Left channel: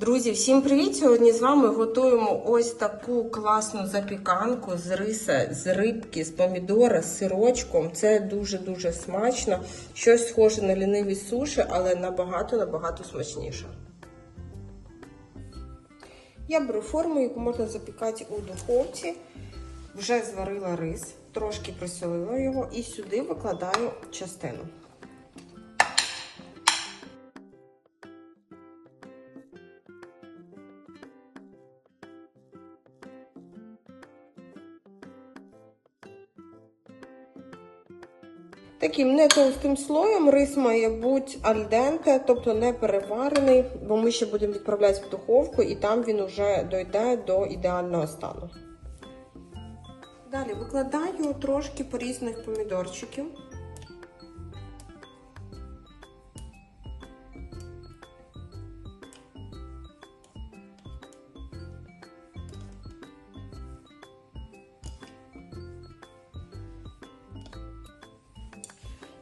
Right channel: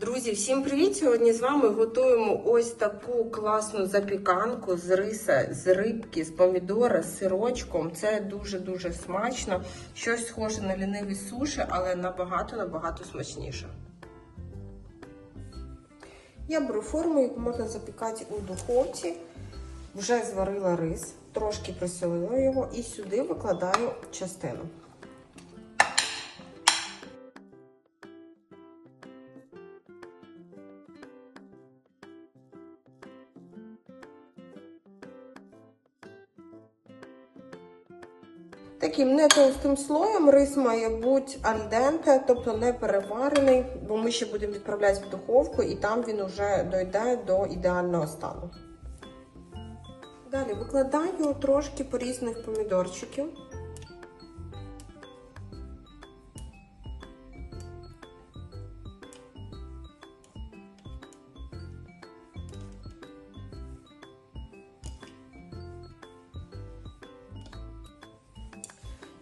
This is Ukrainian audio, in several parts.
Друзі, всім привіт! Сьогодні з вами готуємо ось таку класну запіканку з риса, з рибки, з помідора, з сирочком. Це дуже-дуже смачно. Щось схоже на ліниві суші, але набагато-набагато смачніше. Я беру форму, яку можна запікати у духовці. Вже зварила рис, трошки присолила його і сюди викладаю частину. Таким не товстим слоєм рис має бути альденте, тобто не переварений, бо ми ще будемо відправляти в духовку і там він вже дойде до ідеального стану. Далі викладаю трошки порізаних помідорчиків.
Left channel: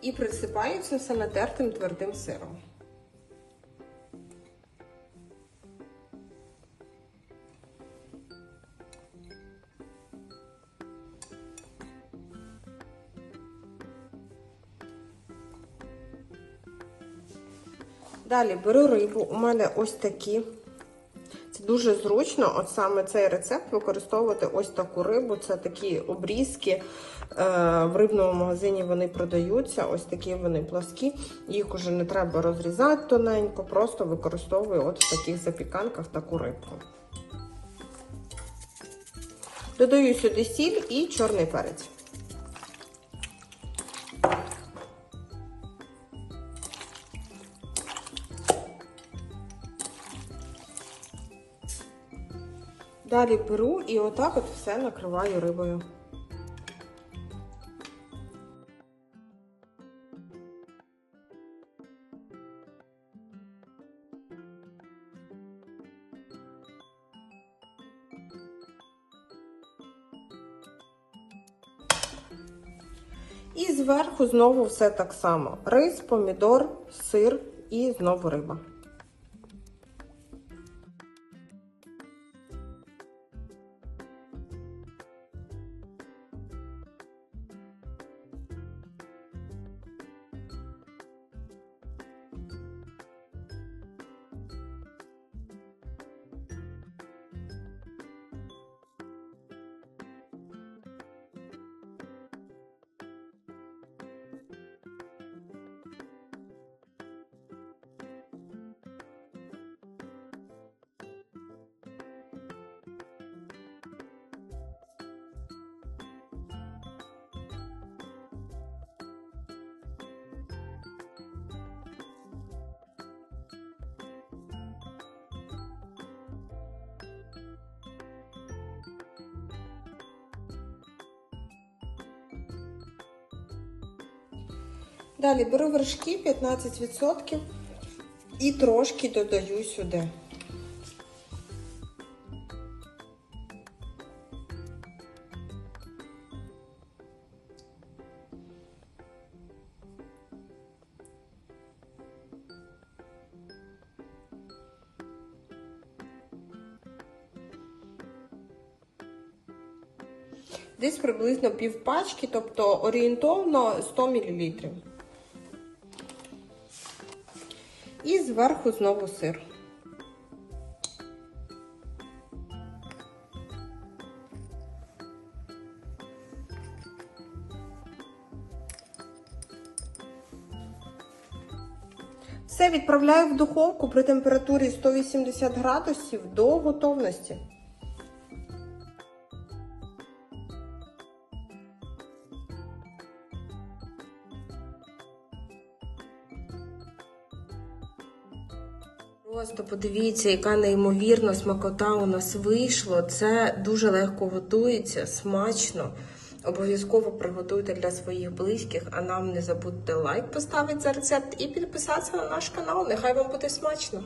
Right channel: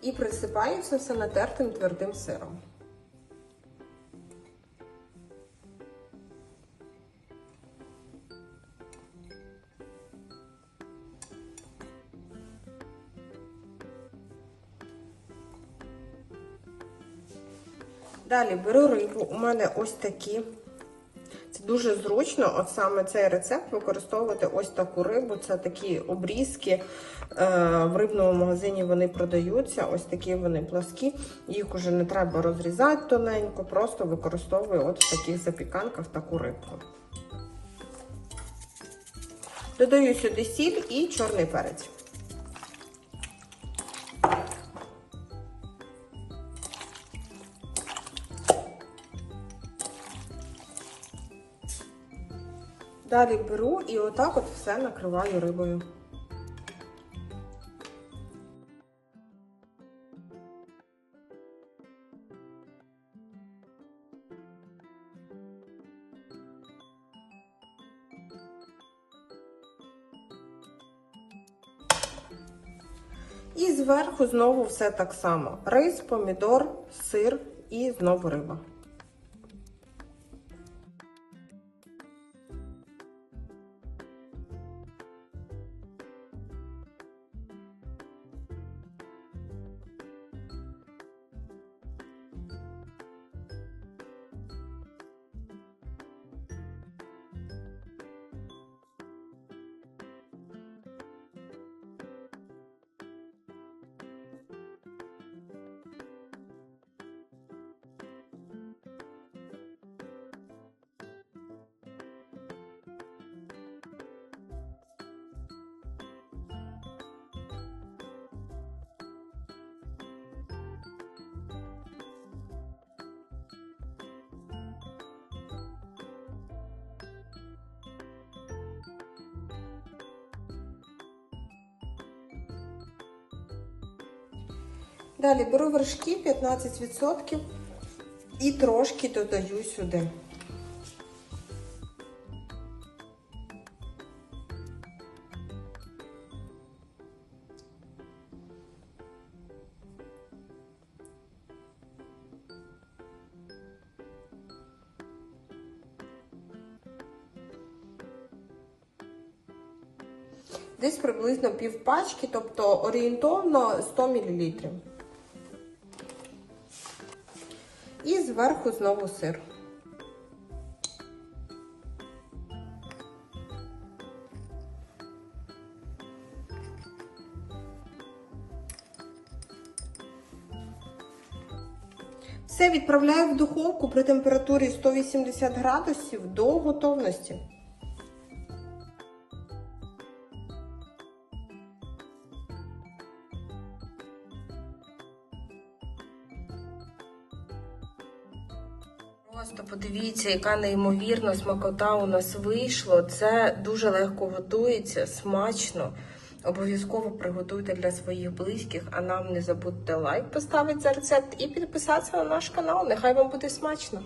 І присипаю це все натертим твердим сиром. Далі беру рибу. У мене ось такі. Дуже зручно, от саме цей рецепт використовувати ось таку рибу. Це такі обрізки. Е, В рибному магазині вони продаються, ось такі вони пласкі. Їх уже не треба розрізати тоненько, просто використовую от в таких запіканках таку рибку. Додаю сюди сіль і чорний перець. Далі беру і отак от все накриваю рибою. І зверху знову все так само: рис, помідор, сир і знову риба. Далі беру вершки 15% і трошки додаю сюди. Десь приблизно пів пачки, тобто орієнтовно 100 мл. І зверху знову сир. Все відправляю в духовку при температурі 180 градусів до готовності. Просто подивіться, яка неймовірна смакота у нас вийшло. Це дуже легко готується, смачно. Обов'язково приготуйте для своїх близьких, а нам не забудьте лайк поставити за рецепт і підписатися на наш канал. Нехай вам буде смачно!